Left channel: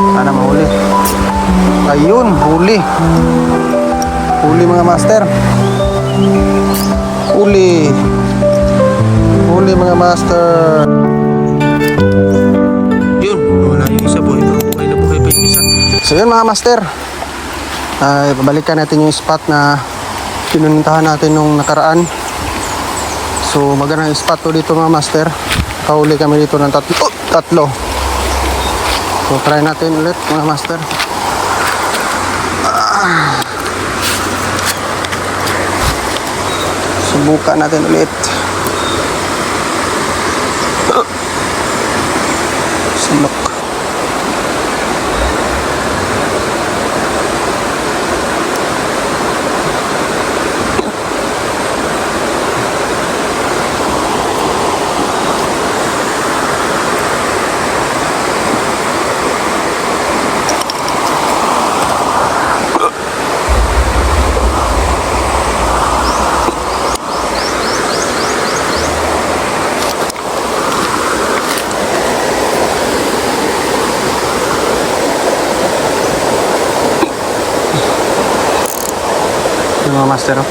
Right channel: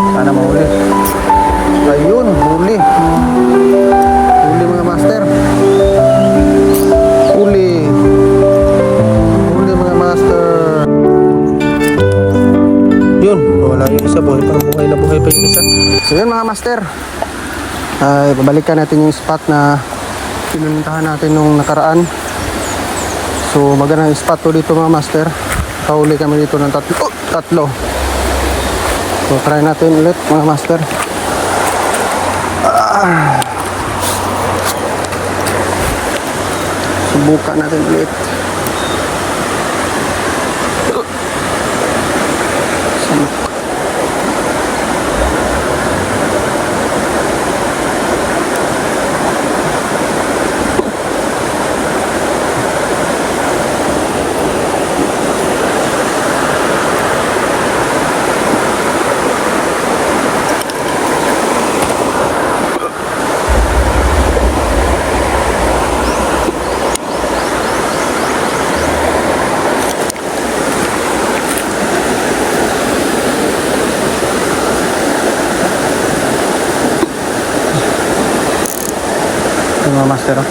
Sana mahuli. Ayun, huli. Huli mga master. Huli. Huli mga master. Yun, wala yung isa. Buhay na buhay pa yung isa. So yun mga master, ay pabalikan natin yung spot na pinuntahan natin nung nakaraan. So magandang spot to dito mga master. Kahuli kami dito ng tatlo. So try natin ulit mga master. Subukan natin ulit. Sinok. Mga master, oh.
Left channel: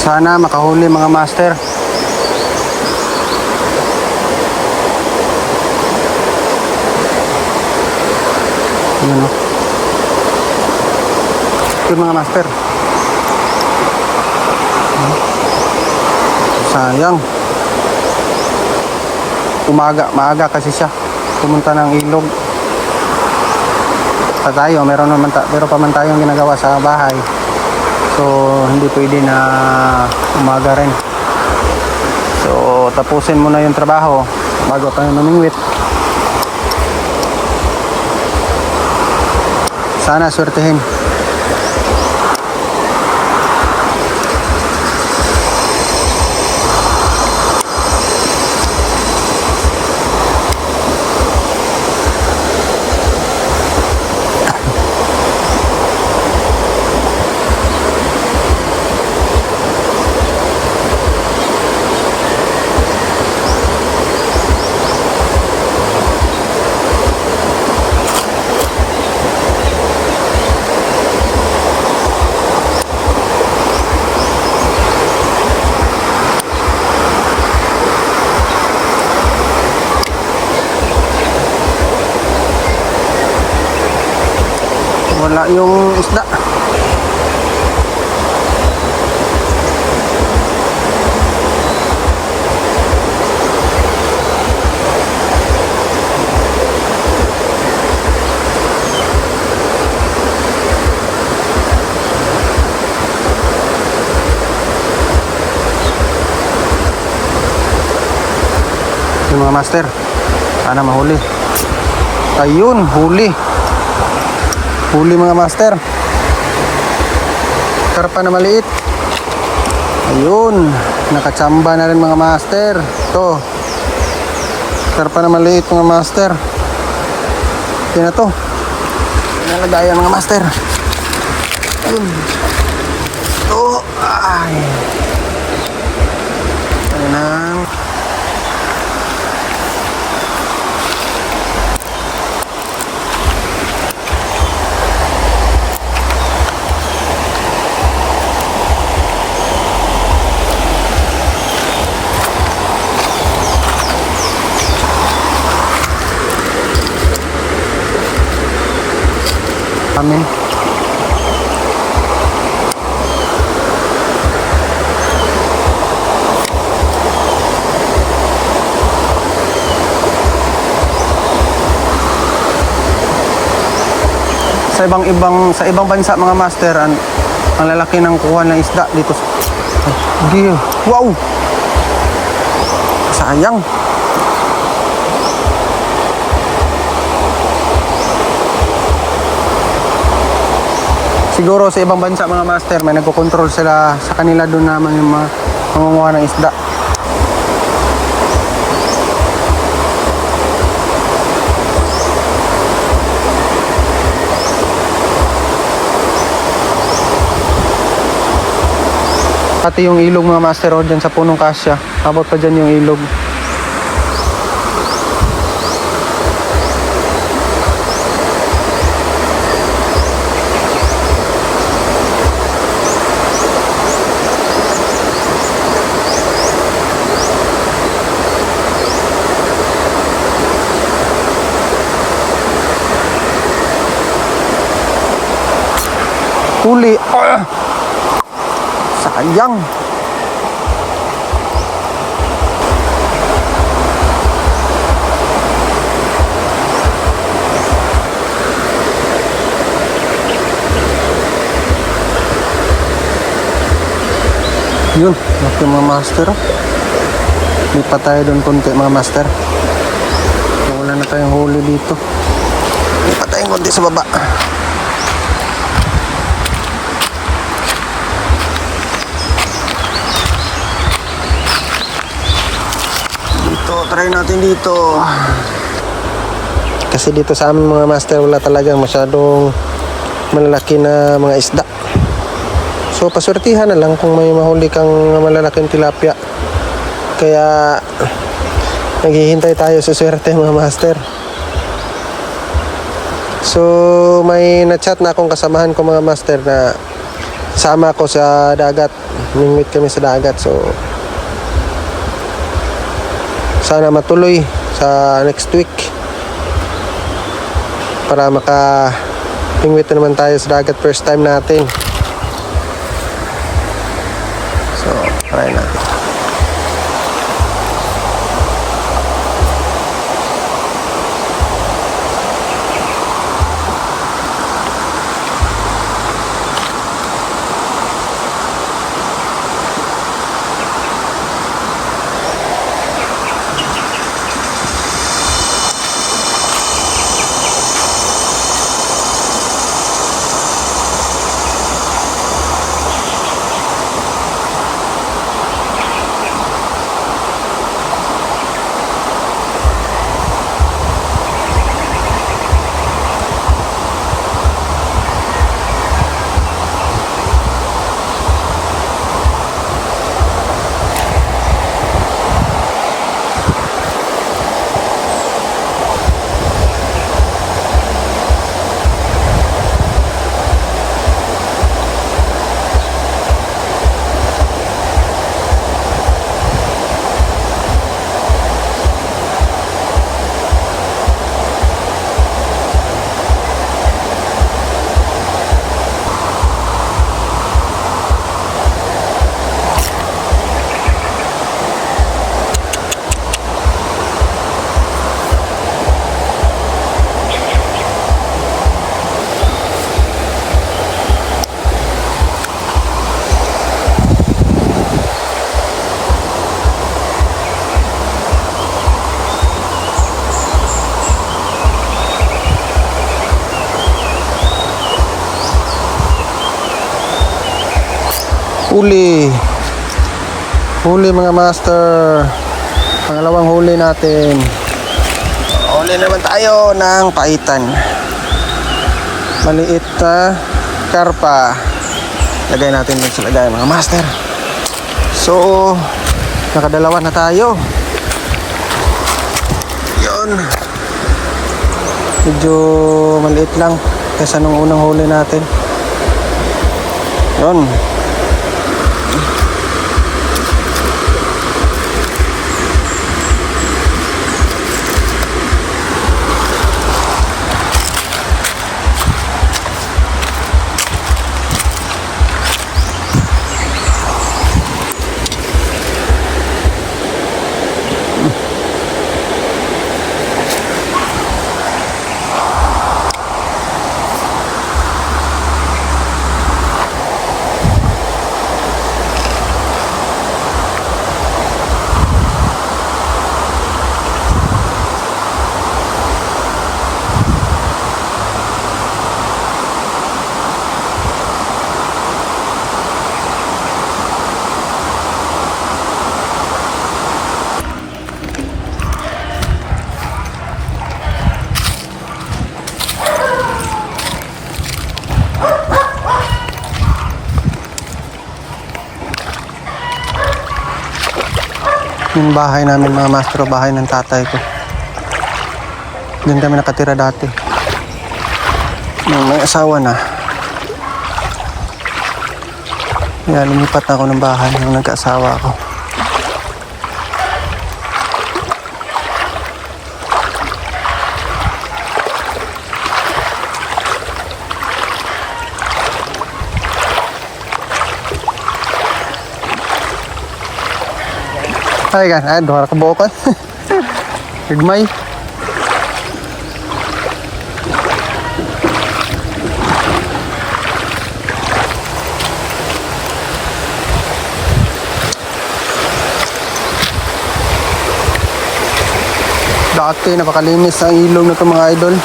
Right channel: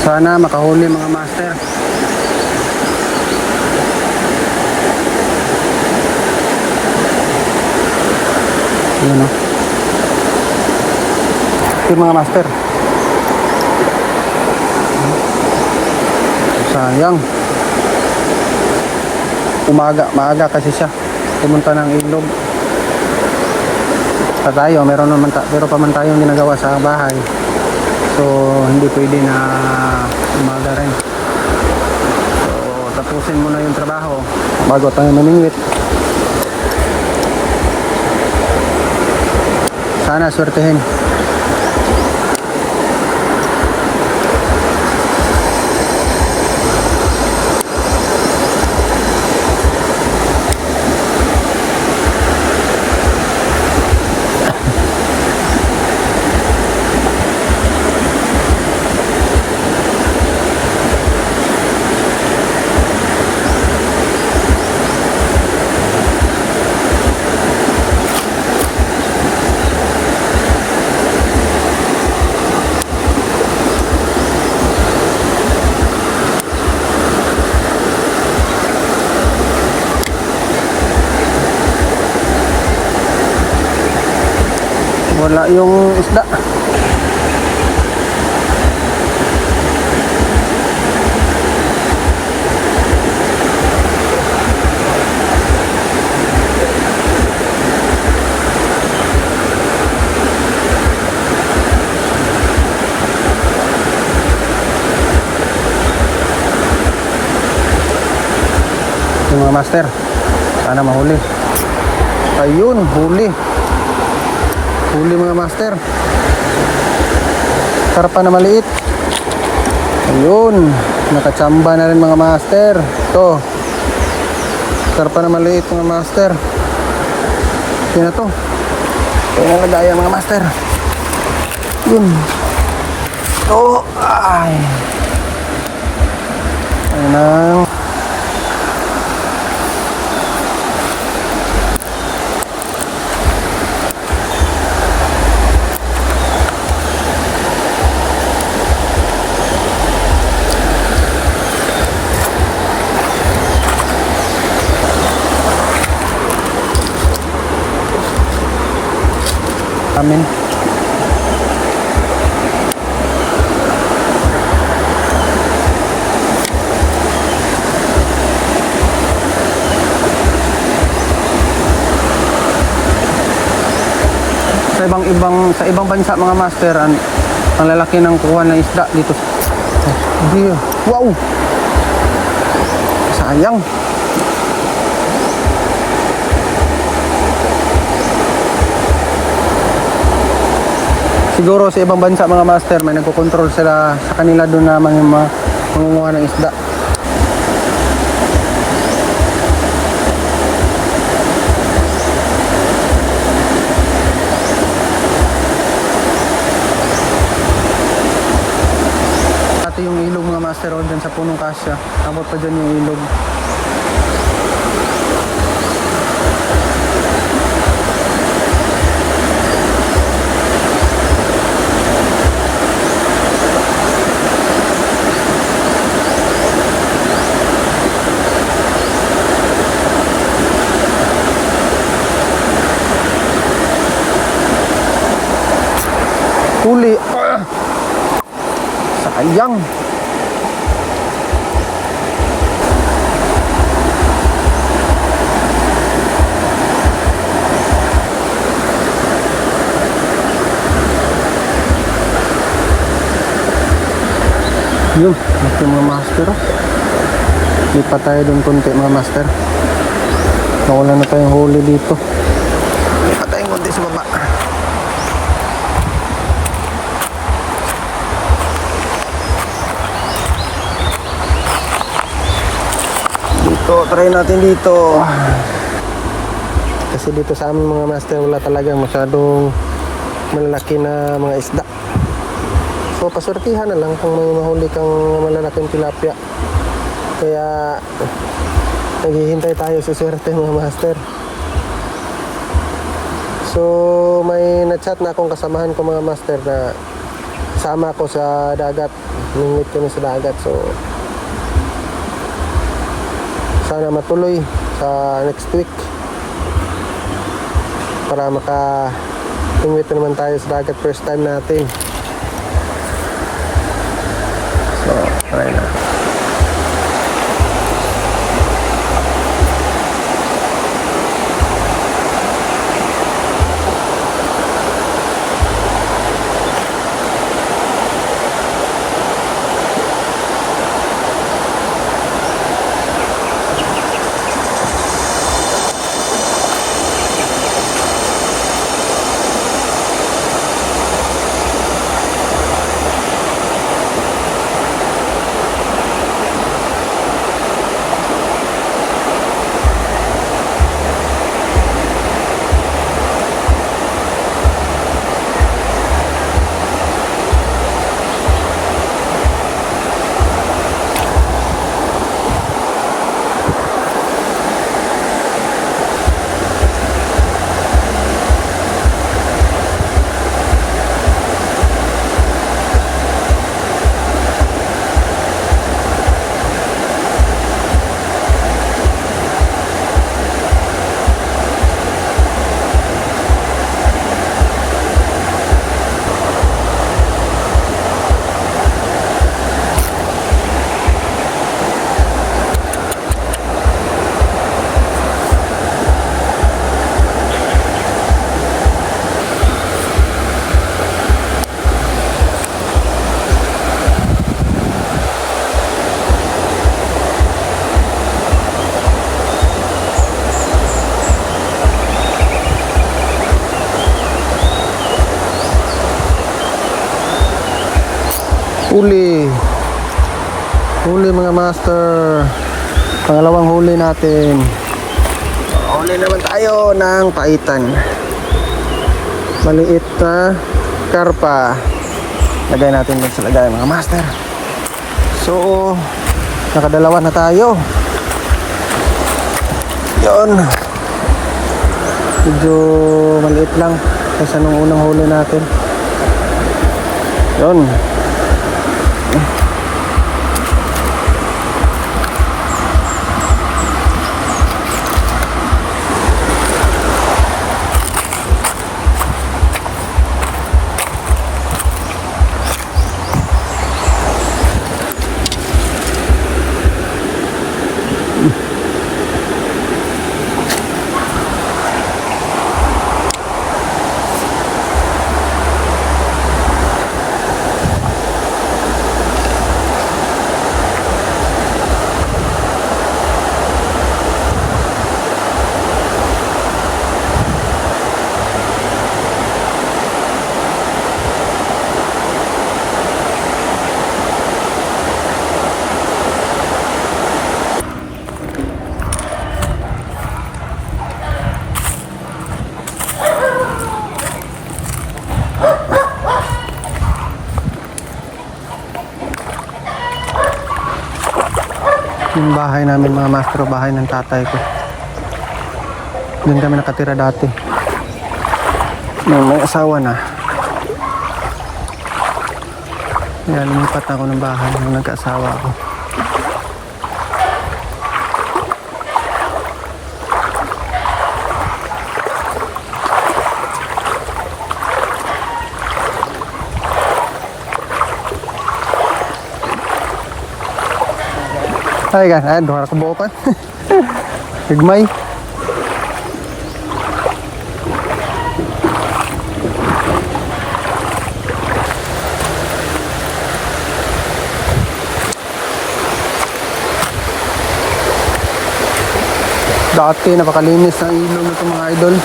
Sana makahuli mga master. Yun, oh. Yun mga master. Sayang. Maaga kasi siya pumunta ng ilog. Tayo, pero pa man tayong ginagawa sa bahay. So hindi pwede na umaga rin. So tapusin muna yung trabaho bago tayo mamingwit. Sana swertehin. Wala yung isda. Yung mga master, sana mahuli. Ayun, huli. Huli mga master. Karpa na maliit. Ayun, nakachamba na rin mga master. Ito, karpa na maliit mga master. Ito na to. Ito na lagayan mga master. Ayun. Ito, ay. Ayun na. Amin. Sa ibang bansa mga master, ang lalaki ng kuha ng isda dito. Wow. Sayang. Siguro sa ibang bansa mga master, may nagko-control sila sa kanila doon na mangunguha ng isda. pati yung ilog mga master o dyan sa punong kasya. Abot pa dyan yung ilog. Huli. Sayang. Yun, laki mga master. Lipat tayo doon konti mga master. Nawala na tayong huli dito. Lipat tayo konti sa baba. Dito, try natin dito. Kasi dito sa amin mga master, wala talagang masyadong malalaki na mga isda. So pasurtihan na lang kung may mahuli kang malalaking tilapia. Kaya naghihintay tayo sa swerte mga master. So may na-chat na akong kasamahan ko mga master na sama ko sa dagat. Mingwit kami sa dagat. So sana matuloy sa next week para maka-pingwit na naman tayo sa dagat, first time natin. So try natin. Huli mga master, pangalawang huli natin. Huli naman tayo ng paitan, maliit na karpa. Lagay natin dun sa lagay mga master. So nakadalawa na tayo. Yun, medyo maliit lang kaysa nung unang huli natin. Yun. Yung bahay namin mga master, bahay ng tatay ko. Diyan kami nakatira dati. Nung may asawa na. Yan, lumipat na ako ng bahay nung nagka-asawa ako. Ay kan, ay duha ka buokan. Higmay. Dati napakalinis ang ilog na ito mga idol.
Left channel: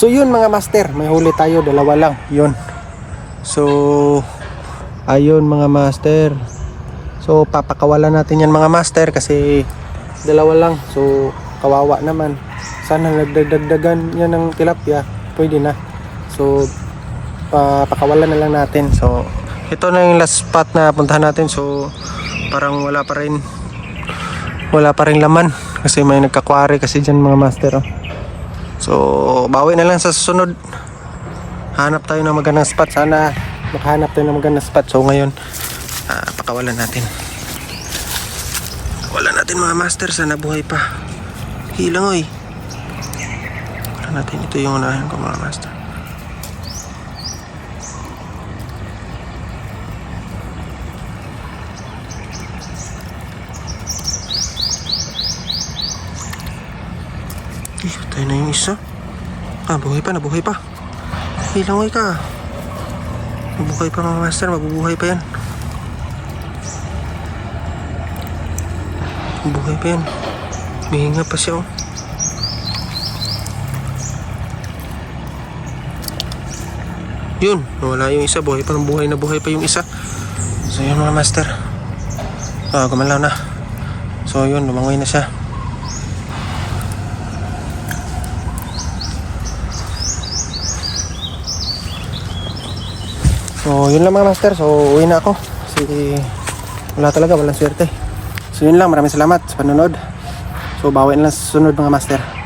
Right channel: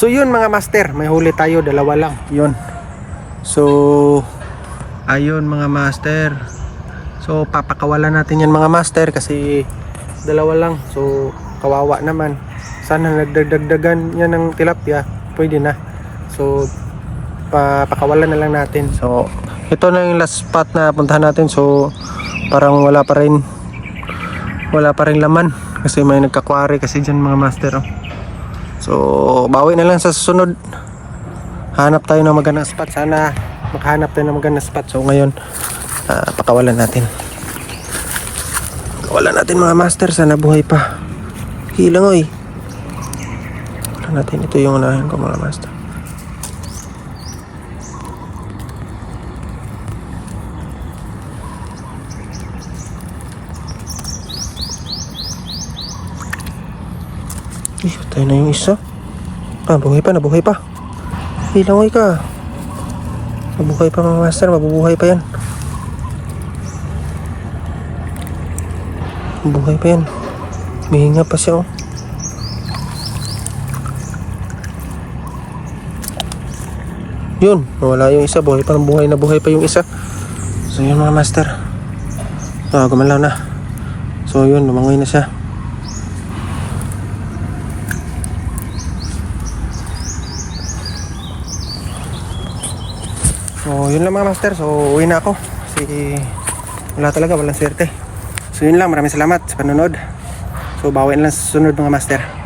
So yun mga master, may huli tayo, dalawa lang, yun. So ayun mga master. So papakawalan natin yan mga master kasi dalawa lang. So kawawa naman. Sana nagdagdagan yan ng tilapia, pwede na. So papakawalan na lang natin. So ito na yung last spot na puntahan natin. So parang wala pa rin laman kasi may nagkakwari kasi dyan mga master, oh. So bawi na lang sa susunod. Hanap tayo ng magandang spot. Sana makahanap tayo ng magandang spot. So ngayon pakawalan natin. Pakawalan natin mga master. Sana buhay pa. Hilang oy. Pakawalan natin. Ito yung unahin ko mga master. Tayo na yung isa. Buhay pa, nabuhay pa. Hilangoy ka. Nabuhay pa mga master, mabubuhay pa yan. Mabuhay pa yan. Mihinga pa siya, oh. Yun, nawala yung isa. Buhay pa, nabuhay na buhay pa yung isa. So yun mga master. Gumalaw na. So yun, lumangoy na siya. So yun lang mga master. So uwi na ako kasi wala talaga, walang swerte. So yun lang, maraming salamat sa panonood. So bawi na lang sa sunod mga master.